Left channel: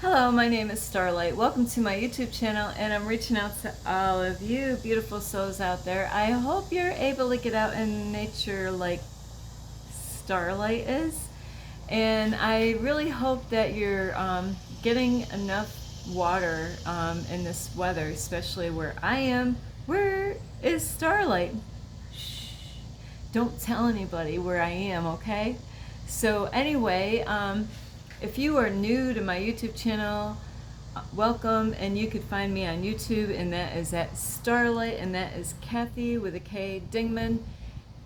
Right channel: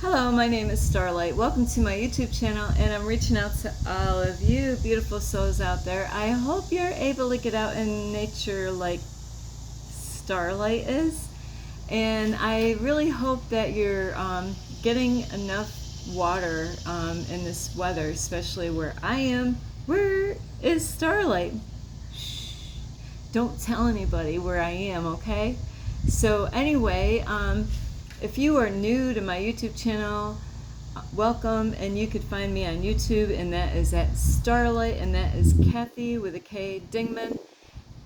Hello, my name is Starlight. Welcome to my YouTube channel, and I'm reaching out to all of you beautiful souls out there. I hope you're able to get out in nature like Starlight is, and I really hope that you're getting enough water in this weather, especially where I am. Where is Starlight? Shh. Don't tell anybody where I am, okay? So anyway, if you are new to my YouTube channel, welcome, and you could find me on YouTube, and that is at Starlight, and that is Kathy with a K Dingman.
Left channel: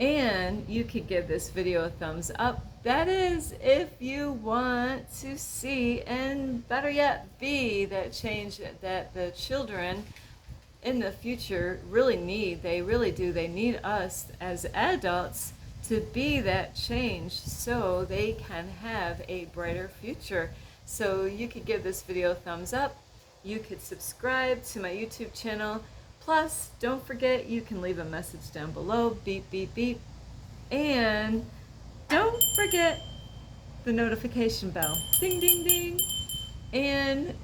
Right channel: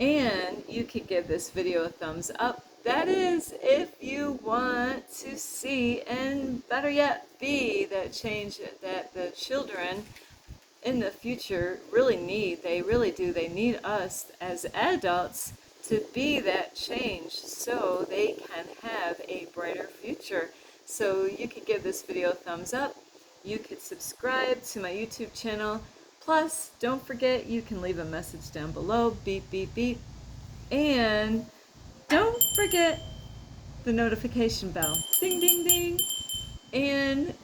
And you could give this video a thumbs up. That is if you want to see, and better yet, be that change that the children in the future really need. They really do. They need us as adults to be that change so they can have a brighter future. So you could give this video a thumbs up. You could subscribe to my YouTube channel. Plus, don't forget, you can leave a message down below. Beep, beep, beep. And don't forget the notification bell. Ding, ding, ding. And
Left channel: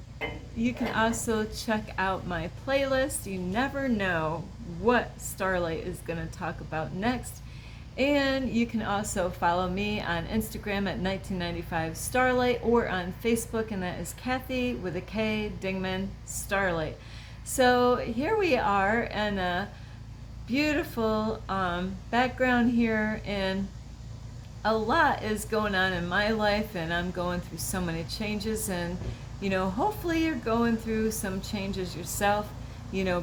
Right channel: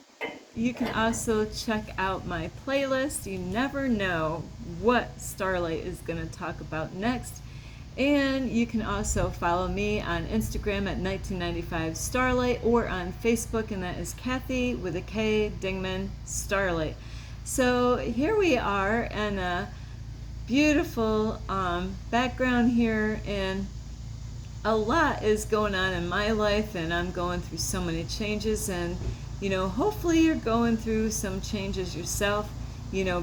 you can also check out my playlist. You never know what Starlight is going to talk about next. And you can also follow me on Instagram at 1995 Starlight, or on Facebook, and that is Kathy with a K Dingman Starlight. So here we are in a beautiful background here, and a lot is going on in my life, and I'm going through so many changes, and hopefully you're going through some changes yourself,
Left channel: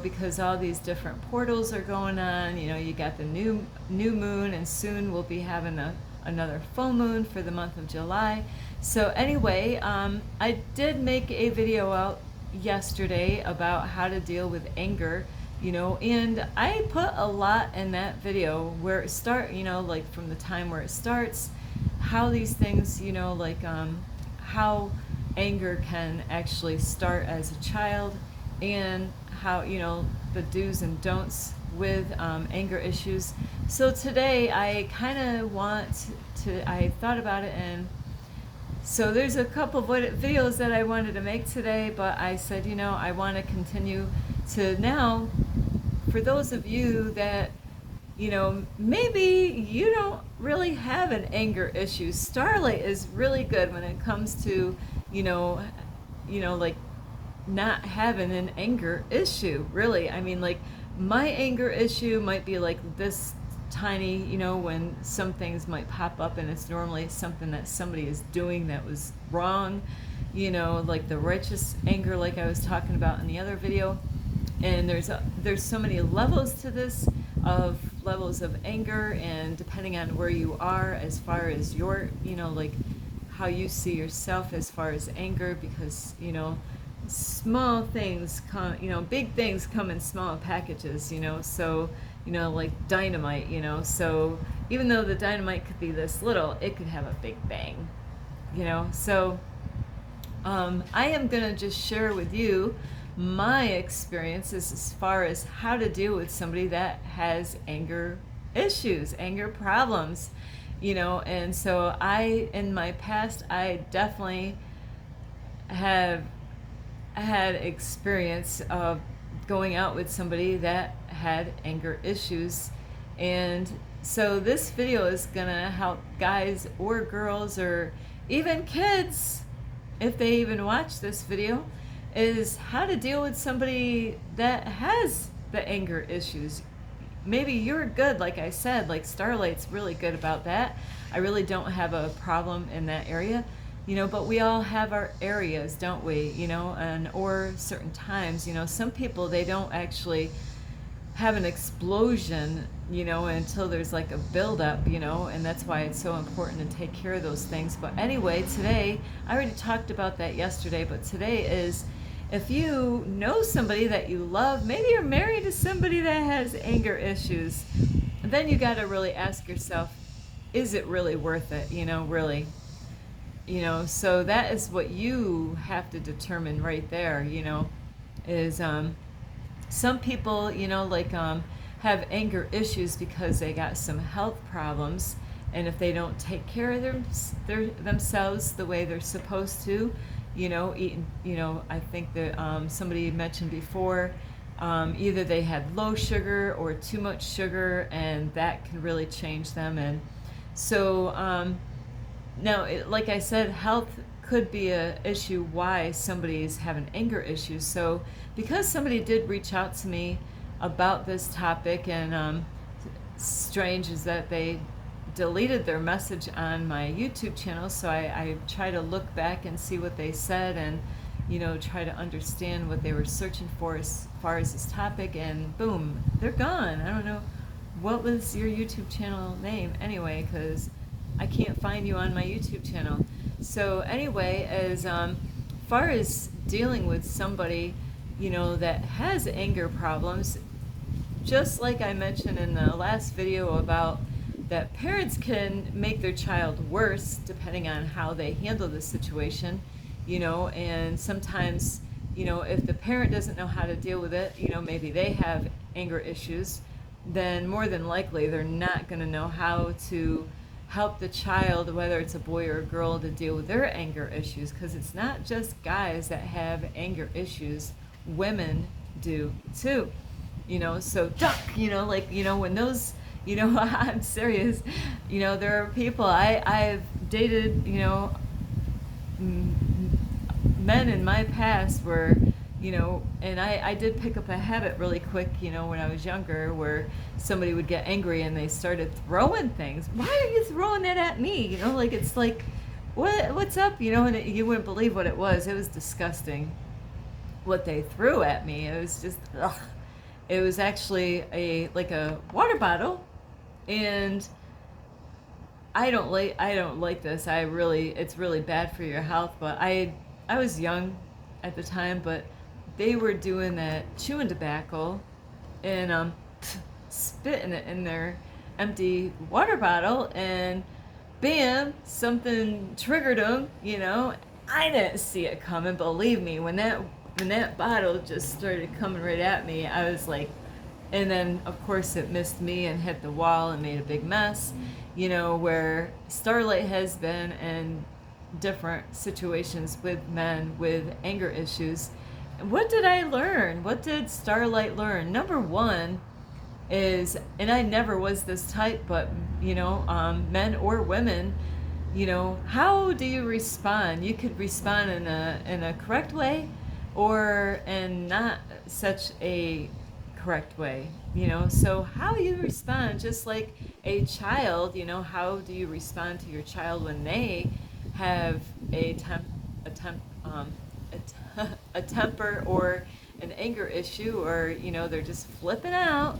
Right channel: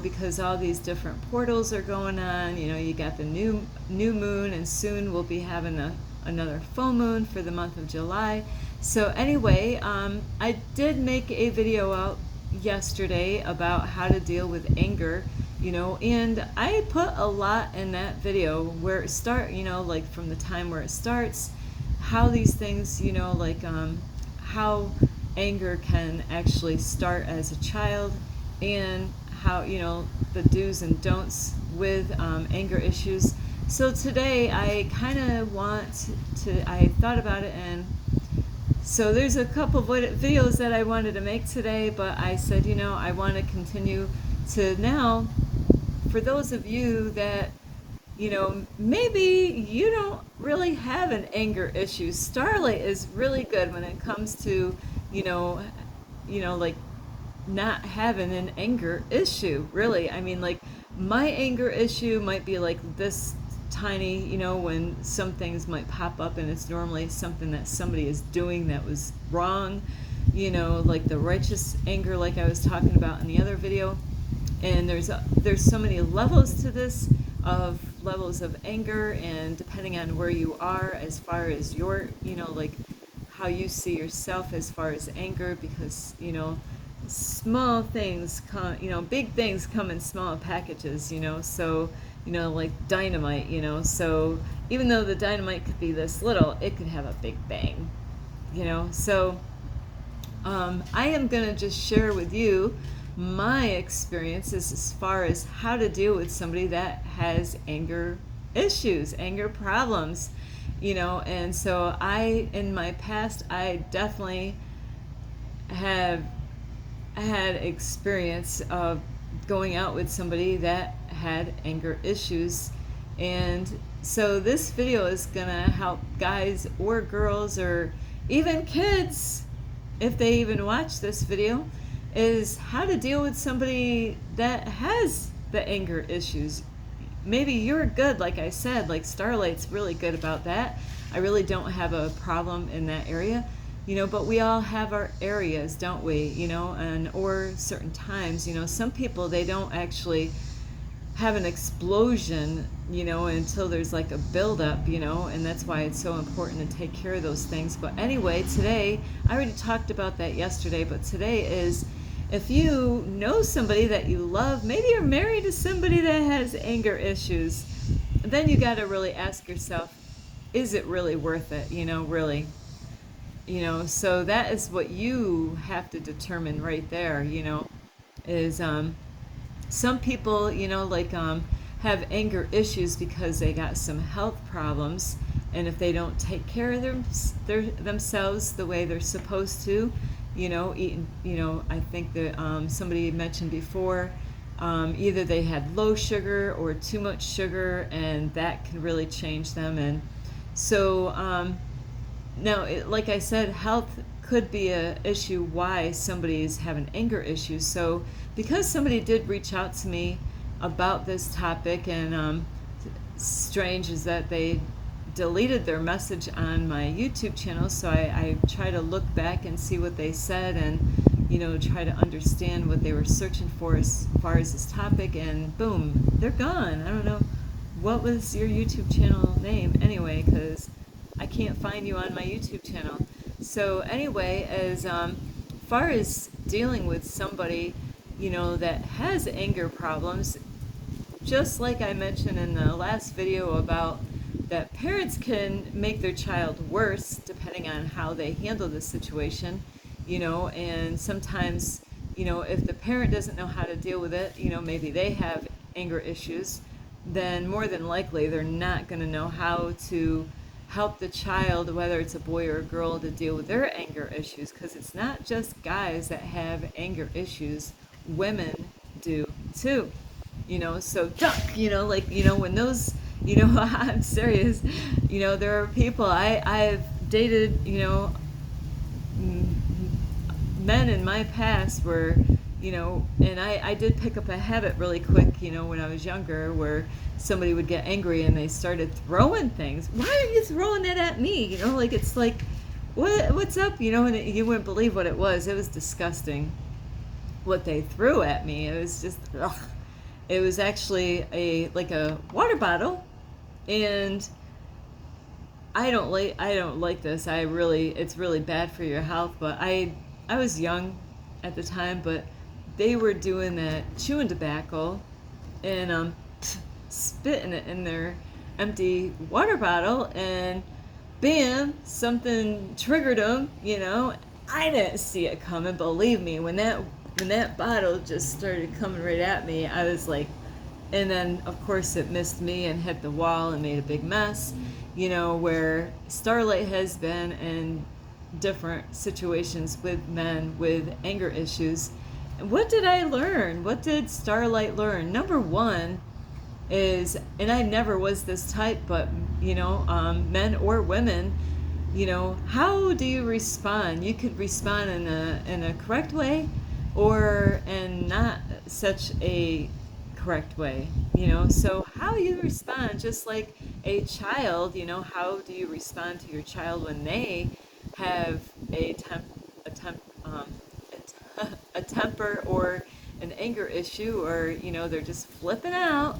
because all these different portals are going on. You got the new moon, and soon we'll be having another full moon for the month of July. So anyway, I did make a video out yesterday about how to deal with anger, and I put a lot in that video where it like from the time where it starts, how these things, how anger can actually start as a child, and how, the do's and don'ts with anger issues. So today I kind of I thought about it, and so there's a couple of videos that I wanted to make today, but I said, I want to continue to now, for those of you that, maybe you don't really have an anger issue. Starlight is really good when it comes to, like not having an anger issue, really. I mean, like, my anger issue might be like this tiny, when some things might pop up, and it's normally something that somebody is doing that was wrong, like the righteous anger, like I was talking about in the other video. And there's so many levels to this, of levels of anger, and depending on where you are as far as your, like how you see yourself as far as anger, because small things come, big things come in small packages, so like dynamite, so even though the dynamite could be this little, it could have a big bang, so I am gonna just share with you my experiences as far as how to deal with somebody that has anger issues, anger problems, and so in my past, I definitely have had experience of going out with somebody that had anger issues. And so this video is gonna help guys or girls, or even kids, if they even watch this video, is how to deal with somebody that has the anger issues. Maybe you're good, like I said, like Starlight's really good about that. I really don't have a problem in that area, but we all have our areas, don't we? Or certain times, some people, they don't actually have an explosion, until there's like a buildup, and that's why it's so important to take care of those things. But anyway, today, I already talked about that yesterday, but today is, if you know somebody that you love, maybe you're married to somebody that has anger issues, then you got to really ask yourself, is it really worth it? Really. So that is what you have to determine right there, is some people, have anger issues because they got some health problems, and if they don't take care of themselves the way they're supposed to, I think that somebody mentioned before, either they had low sugar or too much sugar, and that can really change them. And so now, like I said, health could be a issue why somebody's having anger issues. So because somebody did reach out to me about this topic, and strange is that they deleted their message on my YouTube channel, so I try to look back and see what they said, and try to understand what they were searching for as far as this topic, and boom, they're gone. I don't know, what was your YouTube channel name anyway, because I can't find you on my YouTube channel. So anyway, as far as dealing with somebody that has anger problems, just like I mentioned in the last video about that parents can make their child worse depending on how they handle the situation, and sometimes, if the parent doesn't know how to deal with it, maybe they have anger issues, then more than likely they're not going to know how to help the child, whether it's a boy or a girl, to deal with their anger issues, because it's not just guys that have anger issues, women do too. So duck, when those, I'm serious, there are people, I've dated, men in my past where, and I did pick up a habit really quick, when I was younger, where somebody would get angry and they started throwing things. Why are you throwing that at me? It's like, what's up? And you wouldn't believe what it was. It was disgusting what they threw at me. It was just, ugh. It was actually a water bottle, and I don't like this. It's really bad for your health. But I was young at the time, but they were doing that chewing tobacco and spitting it in their empty water bottle, and bam, something triggered them. I didn't see it coming. Believe me, when that bottle just started coming right at me, I was like, and then of course it missed me and hit the wall and made a big mess, where Starlight has been in different situations with men with anger issues. And what did I learn? What did Starlight learn? Number one is, and I never was this type, but men or women, how do you respond? You could respond in a correct way, or in not such a correct way, so how you respond, just like a child, how do you respond to your child when they have a temper or an anger issue, or they're just flipping out,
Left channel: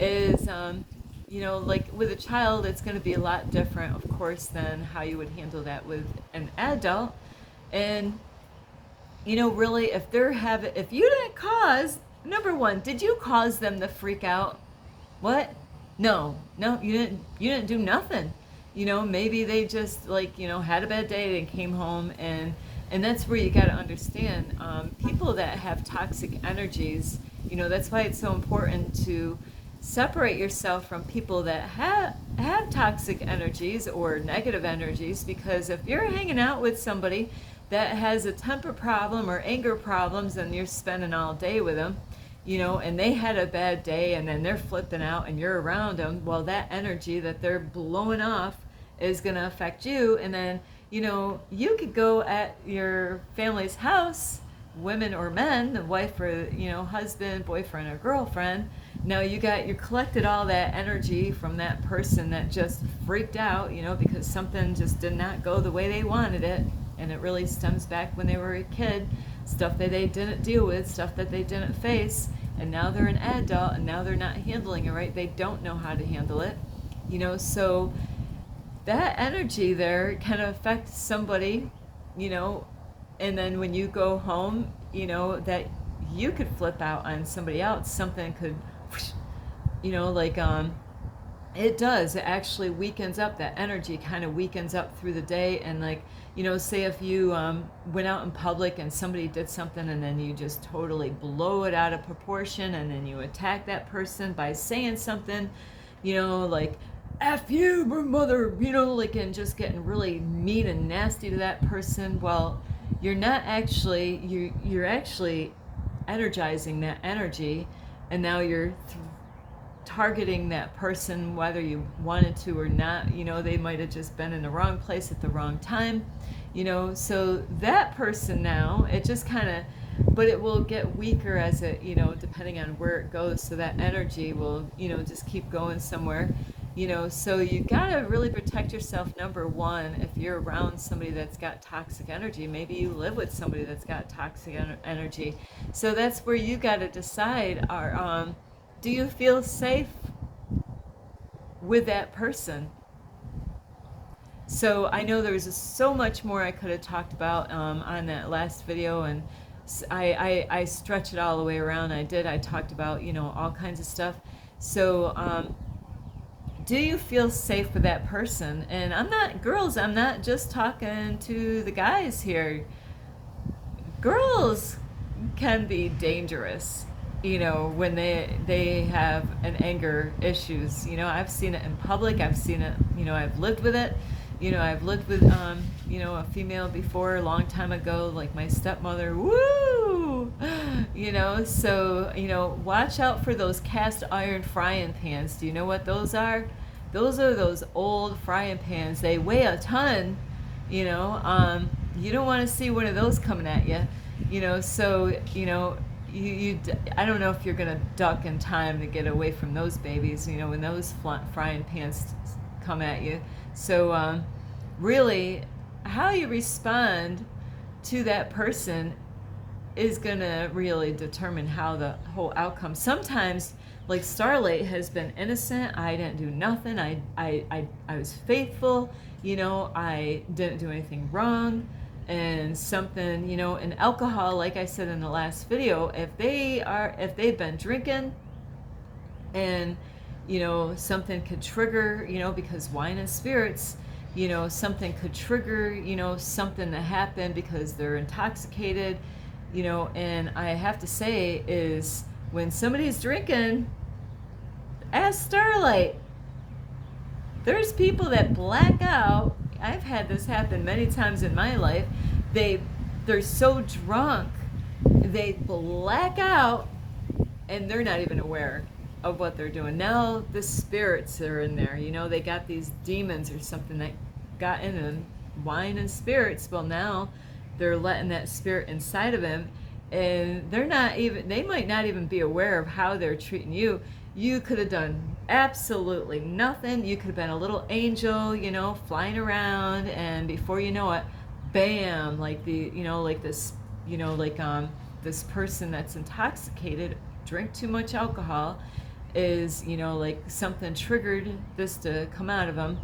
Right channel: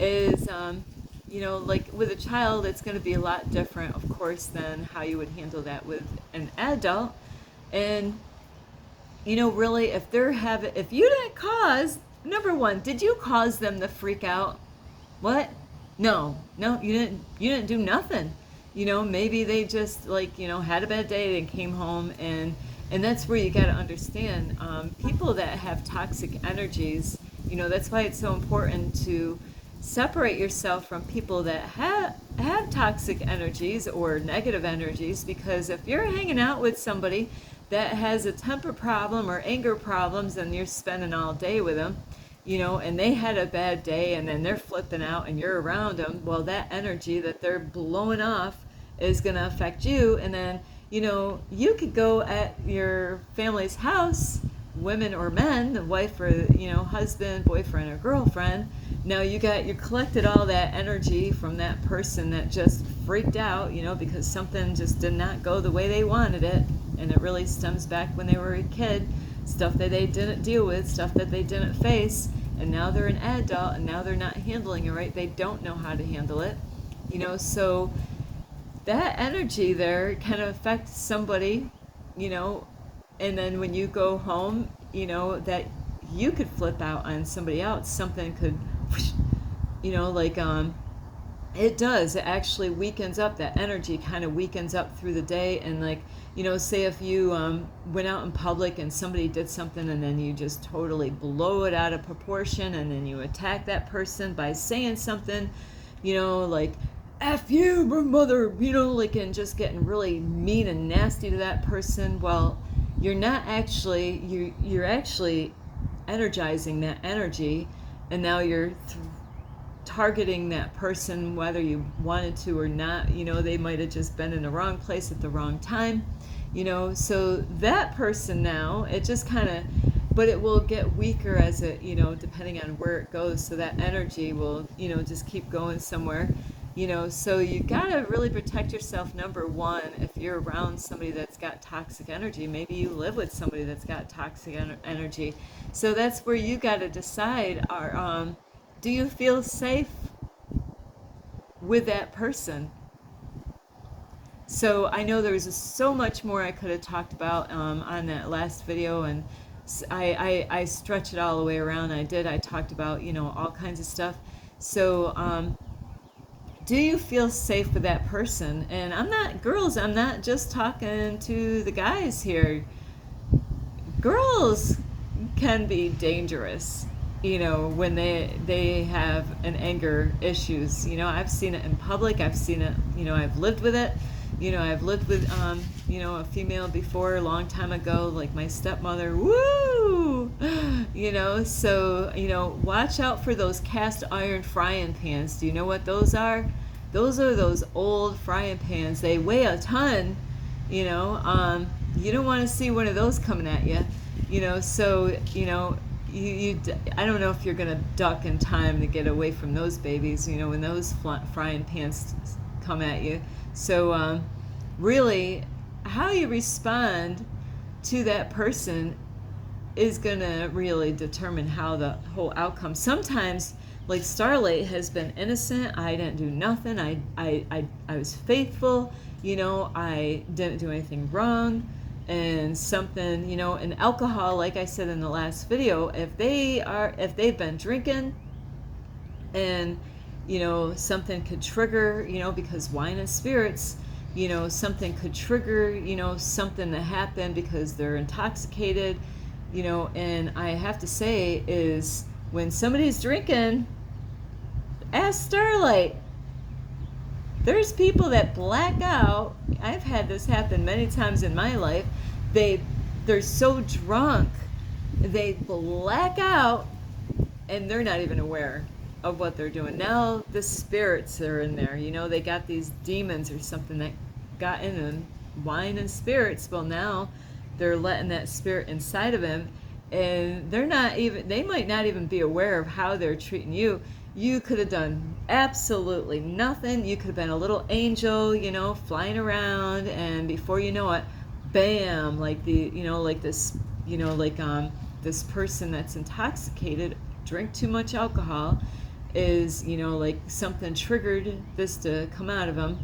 is like with a child, it's going to be a lot different, of course, than how you would handle that with an adult. And really, if you didn't cause, number one, did you cause them to freak out? What? No, you didn't do nothing. Maybe they just had a bad day and came home, and that's where you got to understand, people that have toxic energies, that's why it's so important to separate yourself from people that have toxic energies or negative energies, because if you're hanging out with somebody that has a temper problem or anger problems, and you're spending all day with them, and they had a bad day, and then they're flipping out and you're around them, well, that energy that they're blowing off is going to affect you. And then, you could go at your family's house, women or men, the wife or, husband, boyfriend or girlfriend. Now you collected all that energy from that person that just freaked out, because something just did not go the way they wanted it. And it really stems back when they were a kid, stuff that they didn't deal with, stuff that they didn't face, and now they're an adult, and now they're not handling it right. They don't know how to handle it, so that energy there can affect somebody, and then when you go home, that you could flip out on somebody else. Something could, it does. It actually weakens up. That energy kind of weakens up through the day, and say if you went out in public and somebody did something, and then you just totally blow it out of proportion, and then you attack that person by saying something, like, F you, my mother, and just getting really mean and nasty to that person. Well, you're not actually, you're actually energizing that energy, and now you're targeting that person whether you wanted to or not. You know, they might have just been in the wrong place at the wrong time, you know. So that person now, it just kind of, but it will get weaker as it, you know, depending on where it goes. So that energy will, you know, just keep going somewhere, you know. So you gotta really protect yourself. Number one, if you're around somebody that's got toxic energy, maybe you live with somebody that's got toxic energy. So that's where you gotta decide, do you feel safe with that person? So I know there was so much more I could have talked about on that last video, and I stretched it all the way around. I talked about, you know, all kinds of stuff. So do you feel safe with that person? And I'm not, girls, I'm not just talking to the guys here. Girls can be dangerous, you know, when they have an anger issues. You know, I've seen it in public. I've seen it, you know, I've lived with it. You know, I've lived with, you know, a female before a long time ago, like my stepmother. Woo! You know, so, you know, watch out for those cast iron frying pans. Do you know what those are? Those are those old frying pans. They weigh a ton, you know. You don't want to see one of those coming at you, you know. So, you know, I don't know if you're gonna duck in time to get away from those babies, you know, when those frying pans come at you. So really, how you respond to that person is gonna really determine how the whole outcome. Sometimes, like Starlight has been innocent. I didn't do nothing. I was faithful. You know, I didn't do anything wrong. And something, you know, and alcohol, like I said in the last video, if they've been drinking, and, you know, something could trigger, you know, because wine and spirits, you know, something could trigger, you know, something to happen because they're intoxicated, you know. And I have to say is, when somebody's drinking, ask Starlight. There's people that black out. I've had this happen many times in my life. They're so drunk, they black out, and they're not even aware of what they're doing. Now the spirits are in there. You know, they got these demons or something that got in them, wine and spirits. Well, now they're letting that spirit inside of them, and they might not even be aware of how they're treating you. You could have done absolutely nothing. You could have been a little angel, you know, flying around, and before you know it, bam, like this, you know, like this person that's intoxicated, drink too much alcohol, is, you know, like something triggered this to come out of them,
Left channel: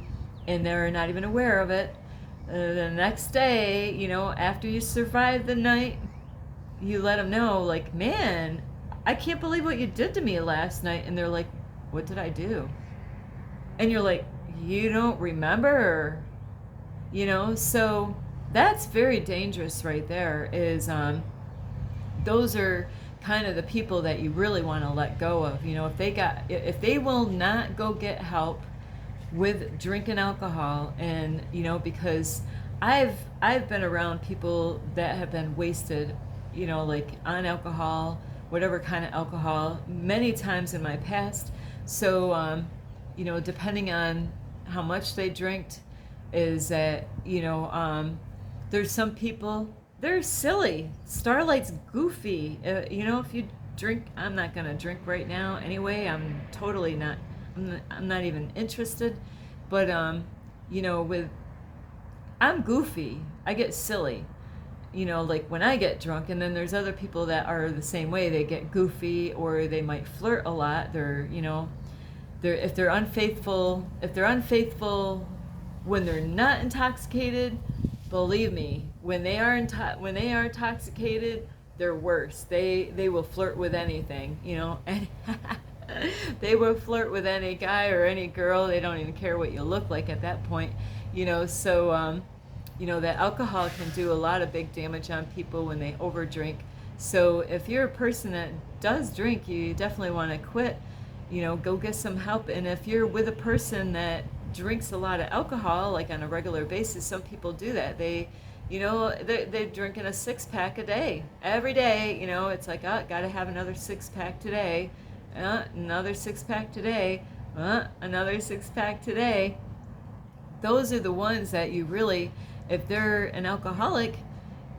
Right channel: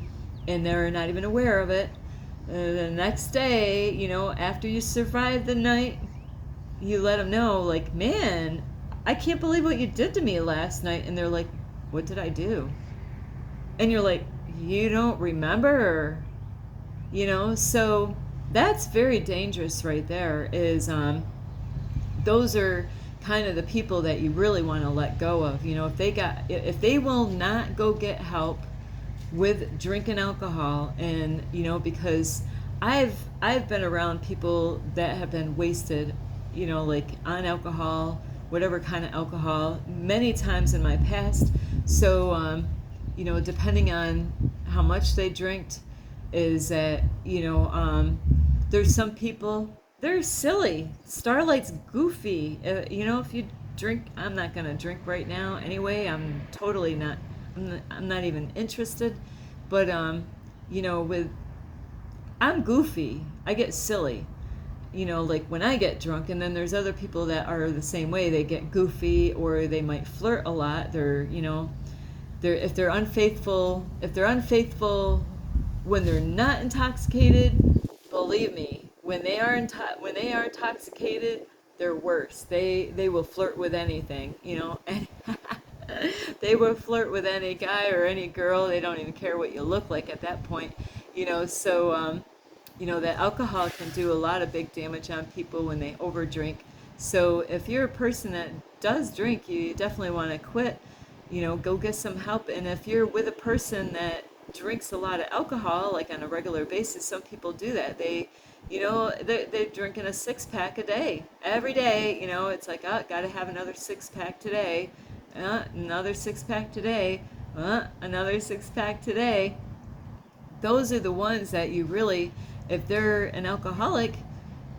and they're not even aware of it. The next day, you know, after you survive the night, you let them know, like, man, I can't believe what you did to me last night. And they're like, what did I do? And you're like, you don't remember, you know. So that's very dangerous right there. Is those are kind of the people that you really want to let go of. You know, if they will not go get help with drinking alcohol, and, you know, because I've been around people that have been wasted, you know, like on alcohol, whatever kind of alcohol, many times in my past. So, you know, depending on how much they drank, is that, you know, there's some people, they're silly. Starlight's goofy. You know, if you drink, I'm not going to drink right now anyway. I'm totally not, I'm not even interested. But, you know, I'm goofy. I get silly. You know, like when I get drunk. And then there's other people that are the same way. They get goofy, or they might flirt a lot. They're, you know, if they're unfaithful when they're not intoxicated, believe me, when they are intoxicated, they're worse. They will flirt with anything, you know. And they will flirt with any guy or any girl. They don't even care what you look like at that point, you know. So you know, that alcohol can do a lot of big damage on people when they overdrink. So if you're a person that does drink, you definitely want to quit, you know, go get some help. And if you're with a person that drinks a lot of alcohol, like on a regular basis, some people do that. They You know, they're drinking a 6-pack a day. Every day, you know, it's like, oh, gotta have another 6-pack today. Another 6-pack today. Another 6-pack today. Those are the ones that you really, if they're an alcoholic,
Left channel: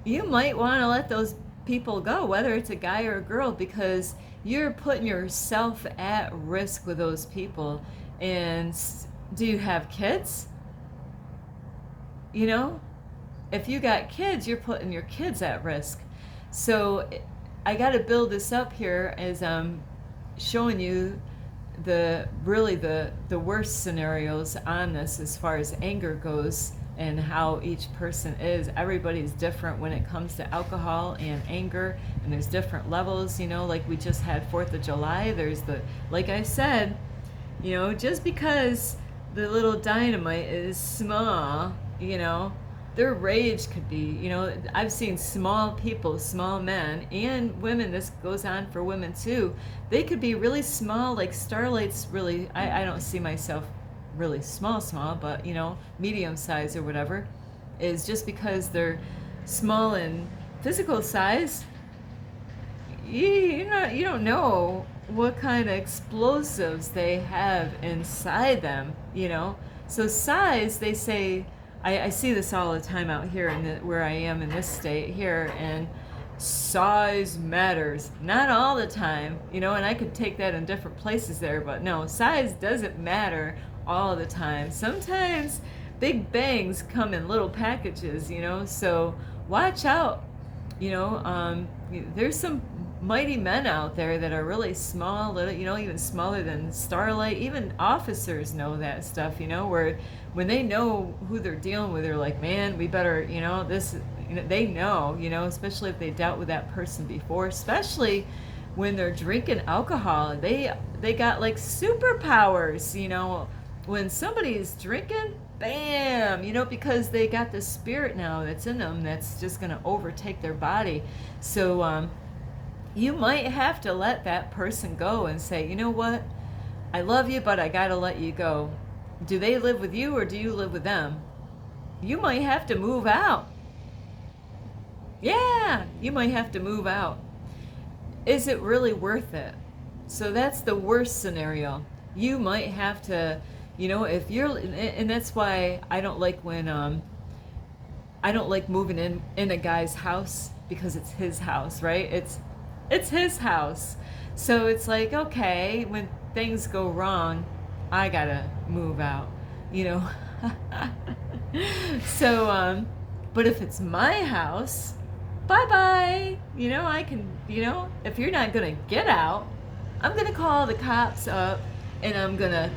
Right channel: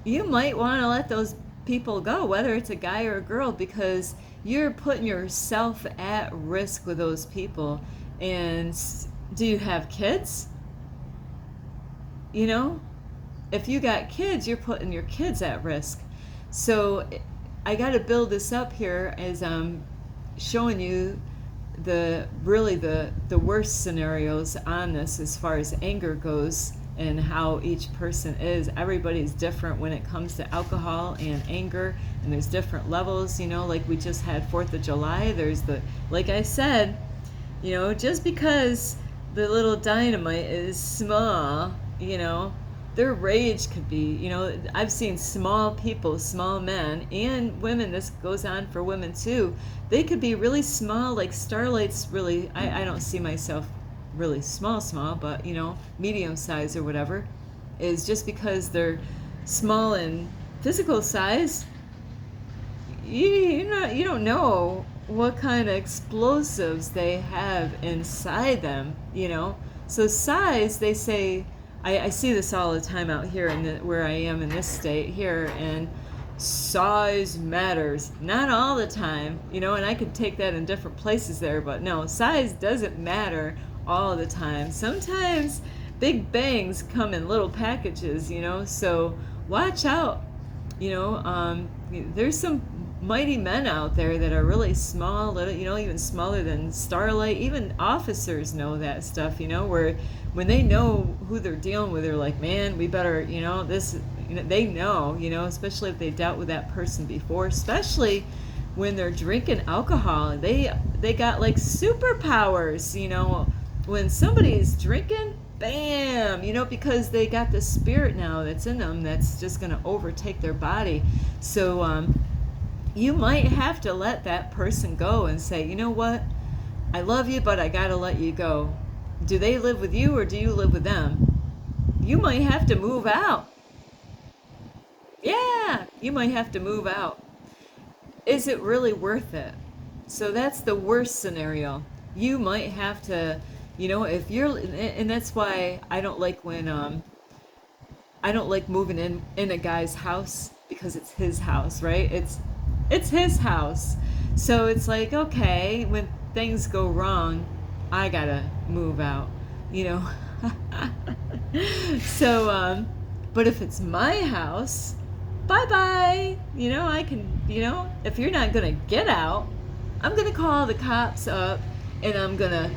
you might want to let those people go, whether it's a guy or a girl, because you're putting yourself at risk with those people. And do you have kids? You know, if you got kids, you're putting your kids at risk. So I got to build this up here as I'm showing you the worst scenarios on this as far as anger goes, and how each person is. Everybody's different when it comes to alcohol and anger, and there's different levels. You know, like we just had 4th of July. There's like I said, you know, just because the little dynamite is small, you know, their rage could be, you know, I've seen small people, small men and women, this goes on for women too, they could be really small, like Starlight's really, I don't see myself really small, but, you know, medium size or whatever, is just because they're small in physical size, you don't know what kind of explosives they have inside them, you know. So size, they say, I see this all the time out here where I am in this state here, and size matters. Not all the time, you know, and I could take that in different places there, but no, size doesn't matter all the time. Sometimes big bangs come in little packages, you know, so watch out. You know, there's some mighty men out there that are really small, little, you know, even smaller than Starlight. Even officers know that stuff, you know, where when they know who they're dealing with, they're like, man, we better, you know, this, you know, they know, you know, especially if they dealt with that person before, especially when they're drinking alcohol and they got like superpowers, you know, when somebody's drinking, bam, you know, because they got the spirit now that's in them that's just going to overtake their body. So you might have to let that person go and say, you know what, I love you, but I got to let you go. Do they live with you or do you live with them? You might have to move out. Yeah, you might have to move out. Is it really worth it? So that's the worst scenario. You might have to, you know, if you're, and that's why I don't like when, I don't like moving in a guy's house, because it's his house, right? It's his house. So it's like, okay, when things go wrong, I gotta move out, you know. So, but if it's my house, bye-bye. You know, I can, you know, if you're not gonna get out, I'm gonna call the cops up and I'm gonna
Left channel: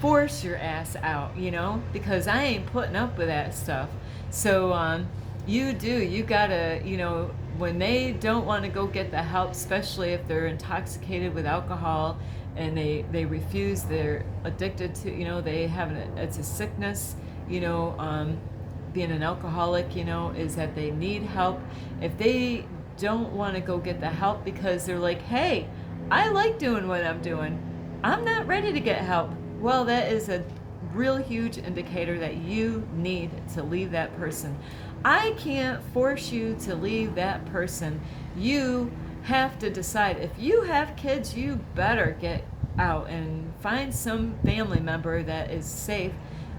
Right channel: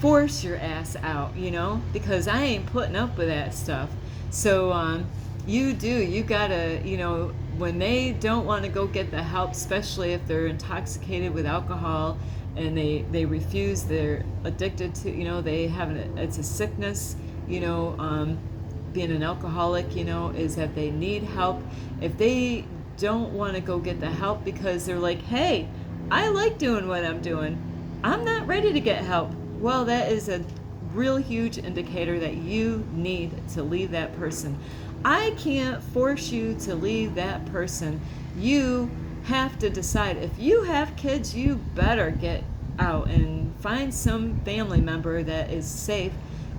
force your ass out, you know, because I ain't putting up with that stuff. So, you gotta, you know, when they don't want to go get the help, especially if they're intoxicated with alcohol and they refuse, they're addicted to, you know, they have it's a sickness, you know, being an alcoholic, you know, is that they need help. If they don't want to go get the help because they're like, hey, I like doing what I'm doing, I'm not ready to get help, well, that is a real huge indicator that you need to leave that person. I can't force you to leave that person. You have to decide. If you have kids, you better get out and find some family member that is safe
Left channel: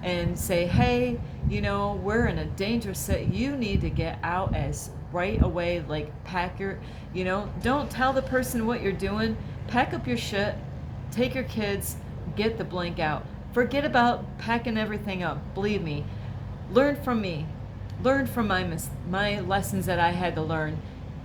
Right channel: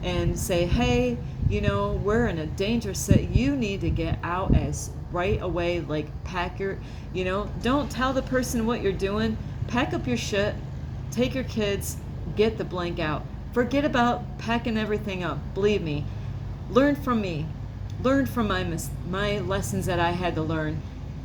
and say, hey, you know, we're in a dangerous set. You need to get out as right away, like pack your, you know, don't tell the person what you're doing. Pack up your shit, take your kids, get the blank out. Forget about packing everything up. Believe me, learn from me. Learn from my lessons that I had to learn.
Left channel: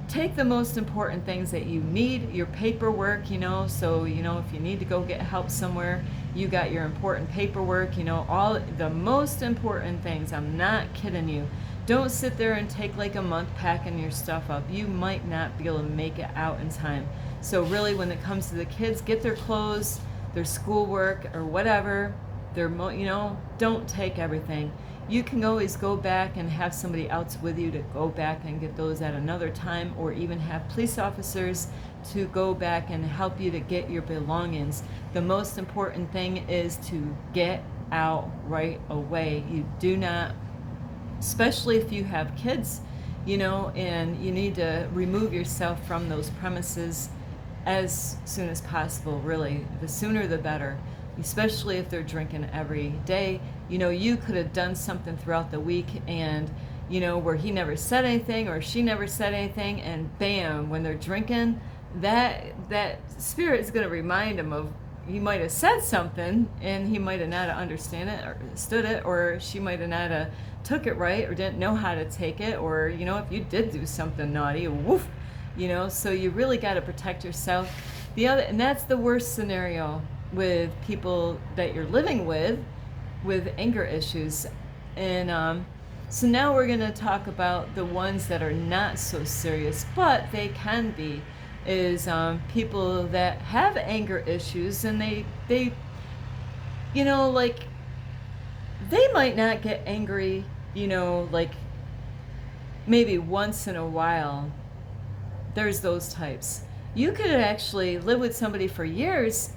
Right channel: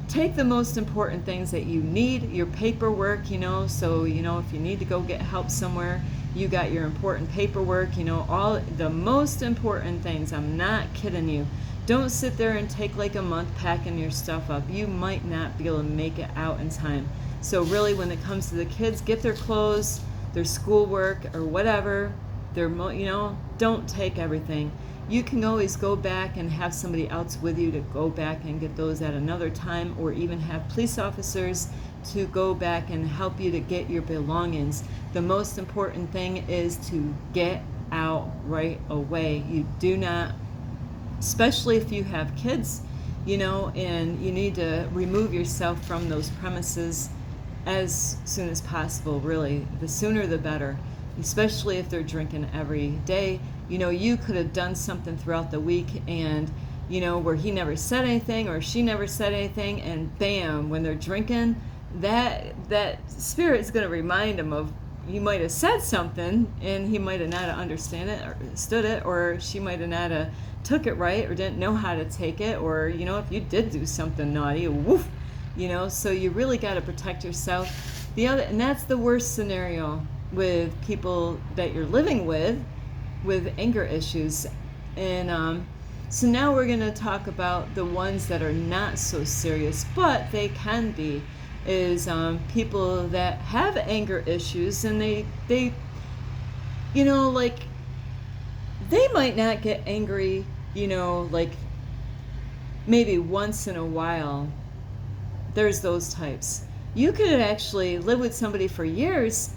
Take the most important things that you need, your paperwork, you know, so, you know, if you need to go get help somewhere, you got your important paperwork, you know, all the most important things. I'm not kidding you. Don't sit there and take like a month packing your stuff up. You might not be able to make it out in time. So really, when it comes to the kids, get their clothes, their schoolwork or whatever, you know, don't take everything. You can always go back and have somebody else with you to go back and get those at another time, or even have police officers to go back and help you to get your belongings. The most important thing is to get out right away. You do not especially if you have kids, and you need to remove yourself from those premises as soon as possible, really. The sooner the better, especially if they're drinking every day. You could have done something throughout the week and, where he never said anything or she never said anything, and bam, when they're drinking, that spirit is going to remind him of, you might have said something and he might have not understood it or stood it, or she might have not took it right or didn't know how to take it, or if you did do something naughty, woof, so you really got to protect yourself. And that's the worst scenario with people that you're living with anger issues. And so now we're going to talk about the ones that are not so serious, but they can be, is people that have anger issues, and they like, they might not get angry, like maybe once in a while. There's those types. You could actually live with somebody for years,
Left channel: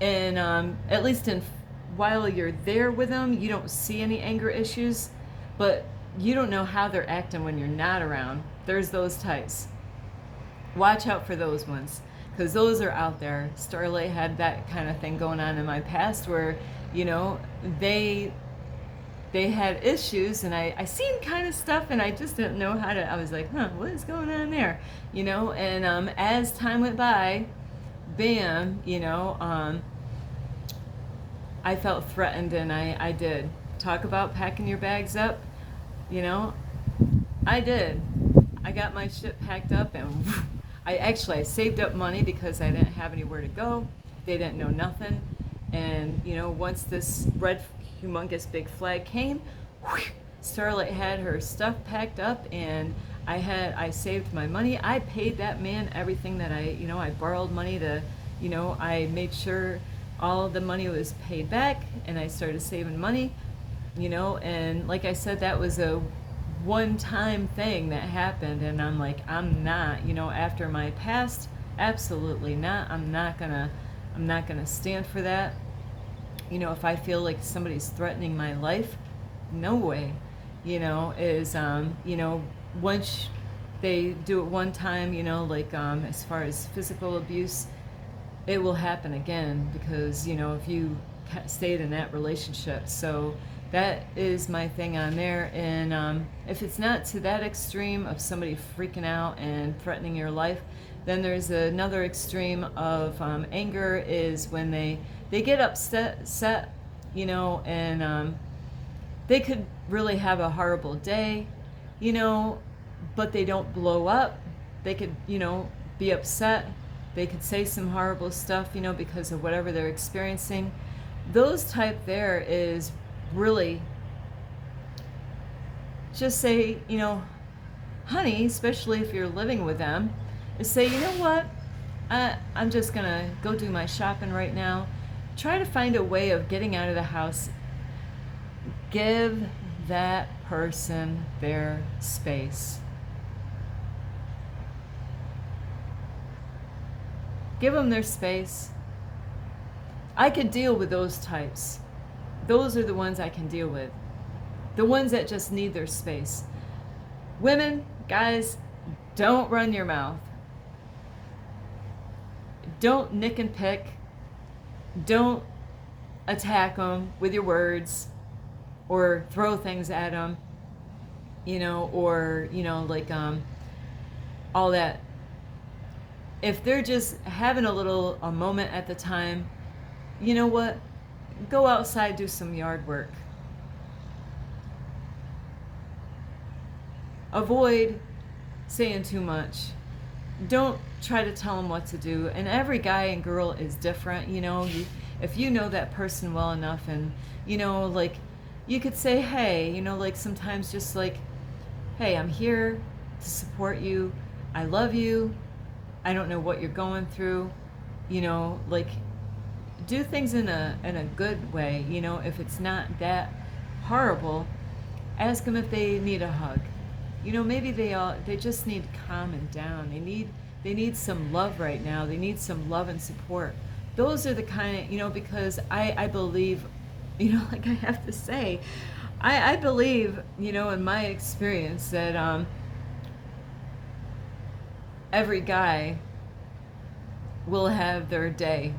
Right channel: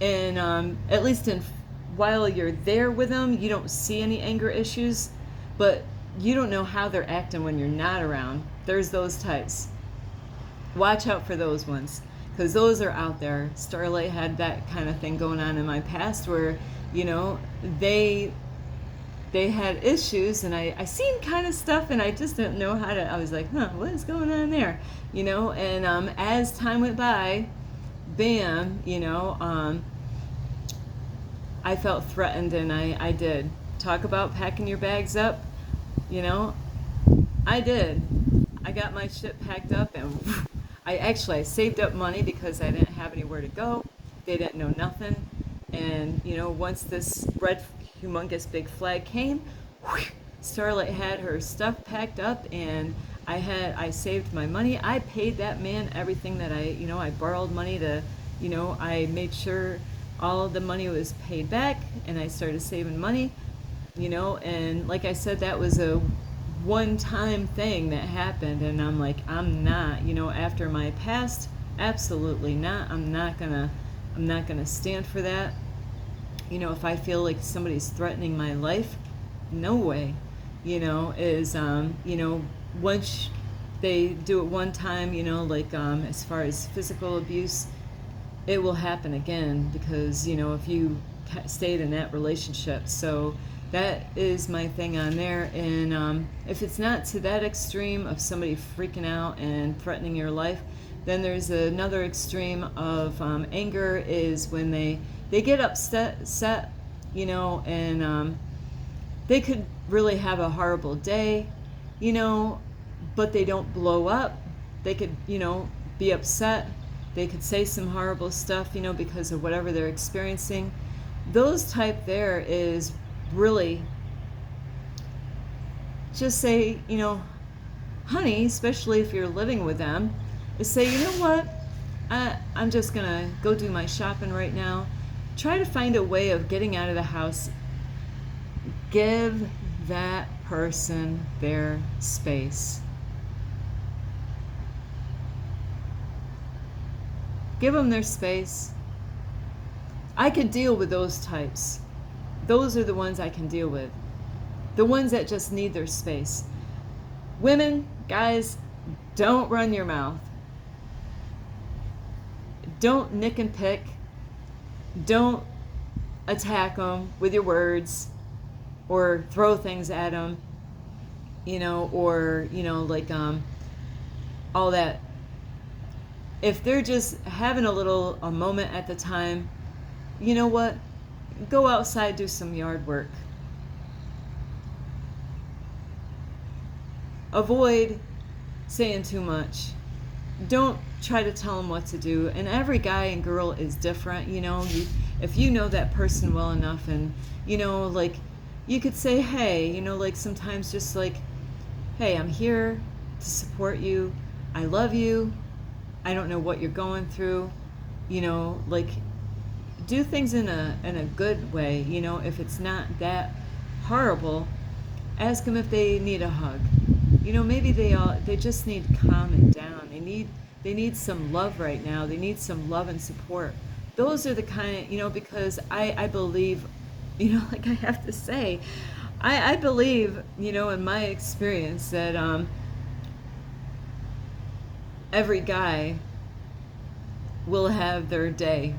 and at least while you're there with them, you don't see any anger issues, but you don't know how they're acting when you're not around. There's those types. Watch out for those ones, because those are out there. Starlight had that kind of thing going on in my past where, they had issues, and I seen kind of stuff, and I just didn't know how to. I was like, what is going on there? And as time went by, bam, I felt threatened, and I did. Talk about packing your bags up, I did. I got my shit packed up, and I saved up money because I didn't have anywhere to go. They didn't know nothing. And, once this red, humongous big flag came, Starlight had her stuff packed up, and I saved my money. I paid that man everything that I borrowed money to, I made sure all the money was paid back, and I started saving money, and like I said, that was a one-time thing that happened, and I'm like, I'm not, after my past, absolutely not. I'm not gonna stand for that. If I feel like somebody's threatening my life, no way. Once they do it one time, like as far as physical abuse, it will happen again, because if you stayed in that relationship. So that is my thing on there. And if it's not to that extreme of somebody freaking out and threatening your life, then there's another extreme of anger, is when they get upset, and they could really have a horrible day, but they don't blow up. They could, be upset. They could say some horrible stuff, because of whatever they're experiencing. Those type there is really just say, honey, especially if you're living with them, is say, you know what, I'm just gonna go do my shopping right now. Try to find a way of getting out of the house. Give that person their space. Give them their space. I could deal with those types. Those are the ones I can deal with. The ones that just need their space. Women, guys, don't run your mouth. Don't nick and pick. Don't attack them with your words or throw things at them, or, like all that. If they're just having a moment at the time, you know what? Go outside, do some yard work. Avoid saying too much. Don't try to tell them what to do. And every guy and girl is different. If you know that person well enough, and like, you could say, hey, like, sometimes just like, hey, I'm here to support you. I love you. I don't know what you're going through. Like, do things in a good way. If it's not that horrible, ask them if they need a hug. Maybe they just need calming down. They need some love right now. They need some love and support. Those are the kind of, because I believe, like I have to say, I believe, in my experience that every guy will have their day.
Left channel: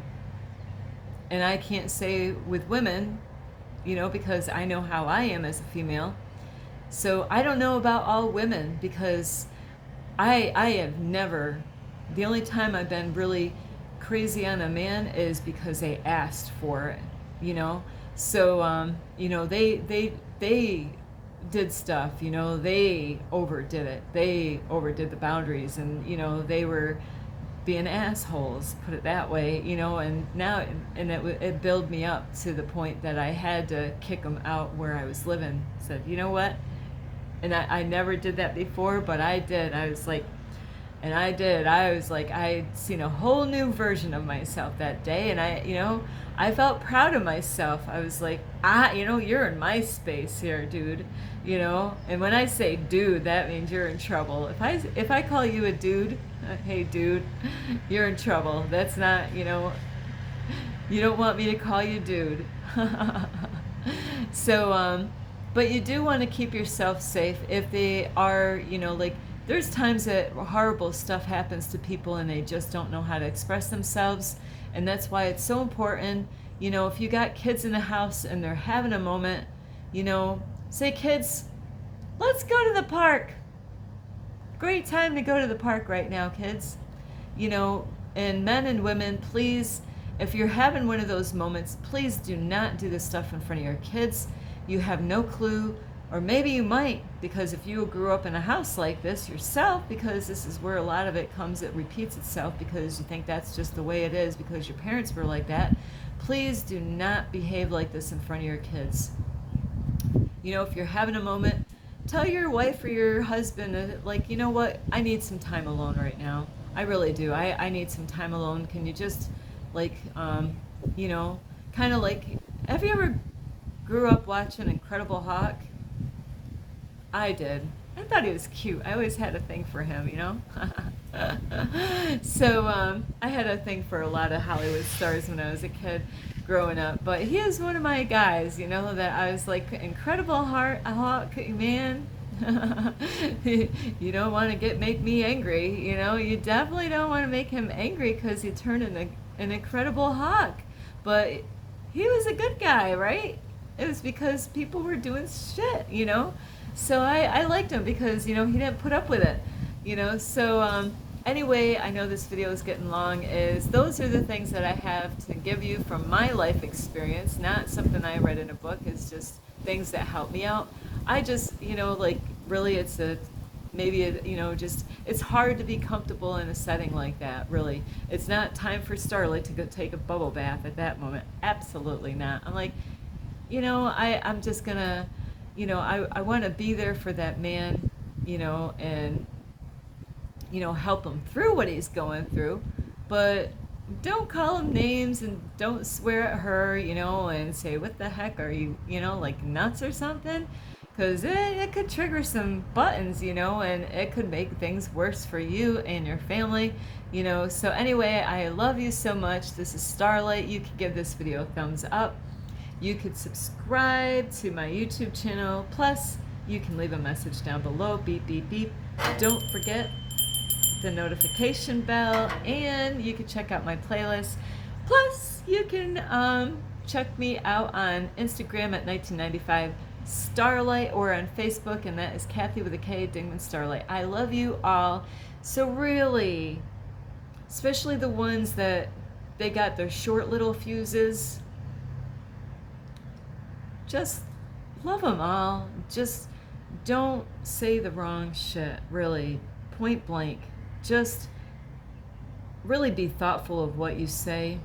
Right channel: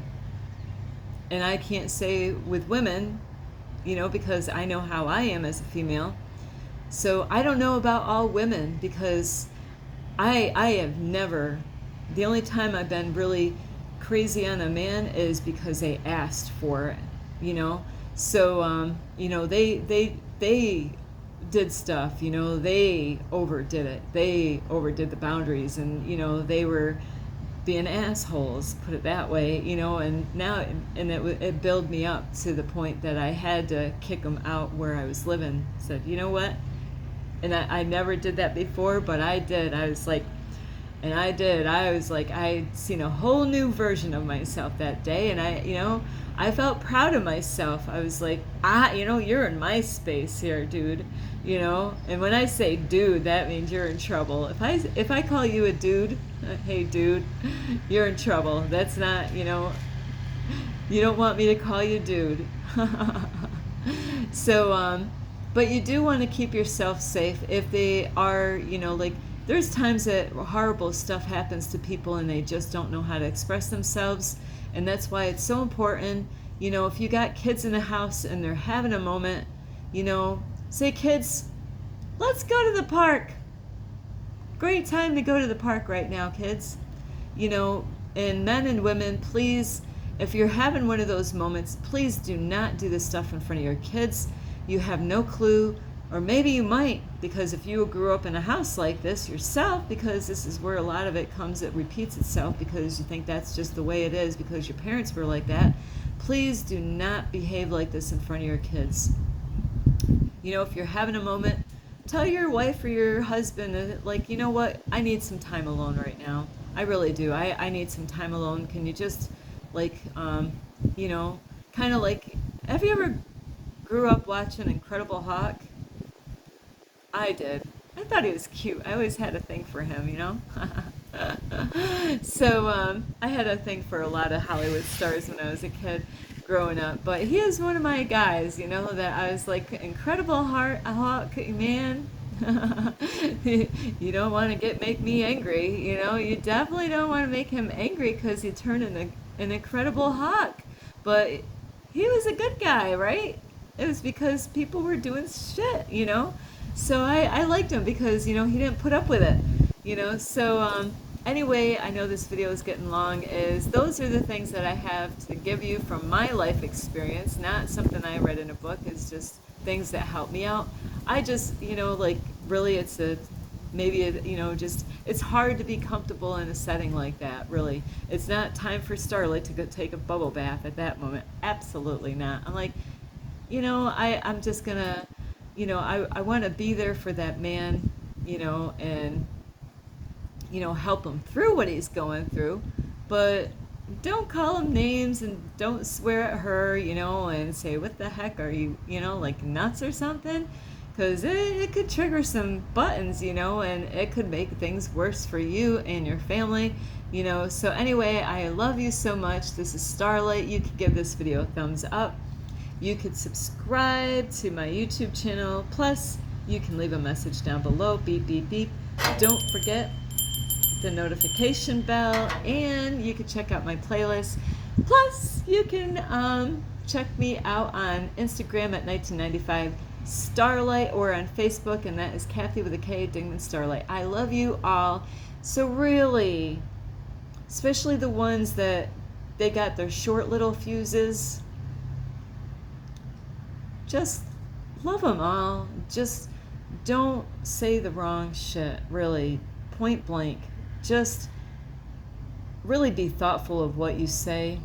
And I can't say with women, because I know how I am as a female. So I don't know about all women, because I have never, the only time I've been really crazy on a man is because they asked for it. So they did stuff, they overdid it, they overdid the boundaries, and they were being assholes, put it that way, and now, and it built me up to the point that I had to kick them out where I was living. Said, you know what? And I never did that before, but I did. I was like, I'd seen a whole new version of myself that day, and I felt proud of myself. I was like, you're in my space here, dude. And when I say dude, that means you're in trouble. If I call you a dude, hey dude, you're in trouble. That's not, you don't want me to call you dude. So, but you do want to keep yourself safe if they are, like, there's times that horrible stuff happens to people and they just don't know how to express themselves. And that's why it's so important, if you got kids in the house and they're having a moment, say, kids, let's go to the park. Great time to go to the park right now, kids. And men and women, please, if you're having one of those moments, please do not do this stuff in front of your kids. You have no clue, or maybe you might, because if you grew up in a house like this yourself, because this is where a lot of it comes, it repeats itself because you think that's just the way it is because your parents were like that. Please do not behave like this in front of your kids. If you're having a moment, tell your wife or your husband, like, you know what, I need some time alone right now. I really do. I need some time alone. Can you just, like, kind of like, have you ever grew up watching Incredible Hulk? I did. I thought he was cute. I always had a thing for him, So I had a thing for a lot of Hollywood stars when I was a kid growing up. But he is one of my guys, that I was like, Incredible Hulk, man. You don't want to make me angry, You definitely don't want to make him angry because he turned an Incredible Hulk. But he was a good guy, right? It was because people were doing shit, So I liked him because, he didn't put up with it, So anyway, I know this video is getting long. Those are the things that I have to give you from my life experience, not something I read in a book. It's just things that help me out. I just, like, really, it's it's hard to be comfortable in a setting like that, really. It's not time for Starlight to go take a bubble bath at that moment. Absolutely not. I'm like, I'm just gonna, I want to be there for that man, and, help him through what he's going through, but don't call him names and don't swear at her, and say, what the heck are you, like nuts or something? Because it could trigger some buttons, and it could make things worse for you and your family, So anyway, I love you so much. This is Starlight. You can give this video a thumbs up. You could subscribe to my YouTube channel. Plus, you can leave a message down below. Beep, beep, beep. Don't forget the notification bell. And you can check out my playlist. Plus, you can check me out on Instagram at 1995 Starlight, or on Facebook, and that is Kathy with a K, Dingman Starlight. I love you all. So really, especially the ones that they got their short little fuses, just love them all. Just don't say the wrong shit, really, point blank. Just really be thoughtful of what you say.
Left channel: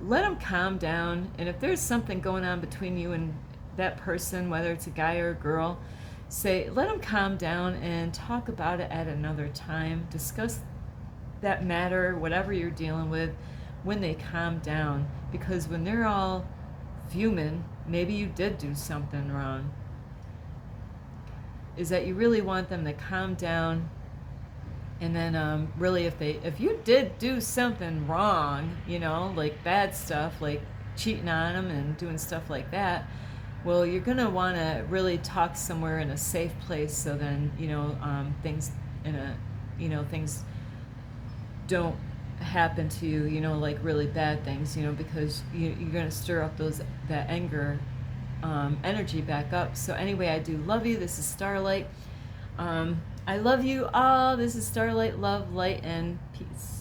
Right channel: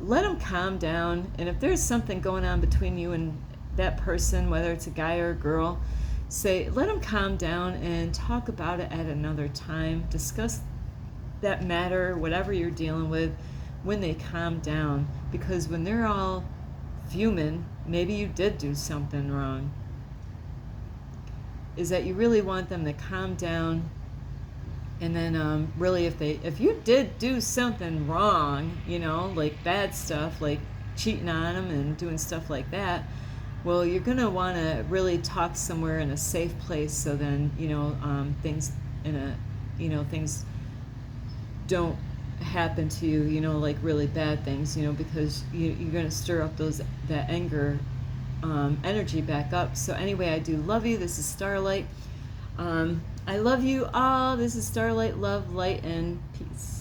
Let them calm down, and if there's something going on between you and that person, whether it's a guy or a girl, let them calm down and talk about it at another time. Discuss that matter, whatever you're dealing with, when they calm down. Because when they're all fuming, maybe you did do something wrong. Is that you really want them to calm down, and then really, if you did do something wrong, like bad stuff, like cheating on them and doing stuff like that, well, you're going to want to really talk somewhere in a safe place, so then, things in a, things don't happen to you, like really bad things, because you're going to stir up that anger energy back up. So anyway, I do love you. This is Starlight. I love you all. This is Starlight, love, light, and peace.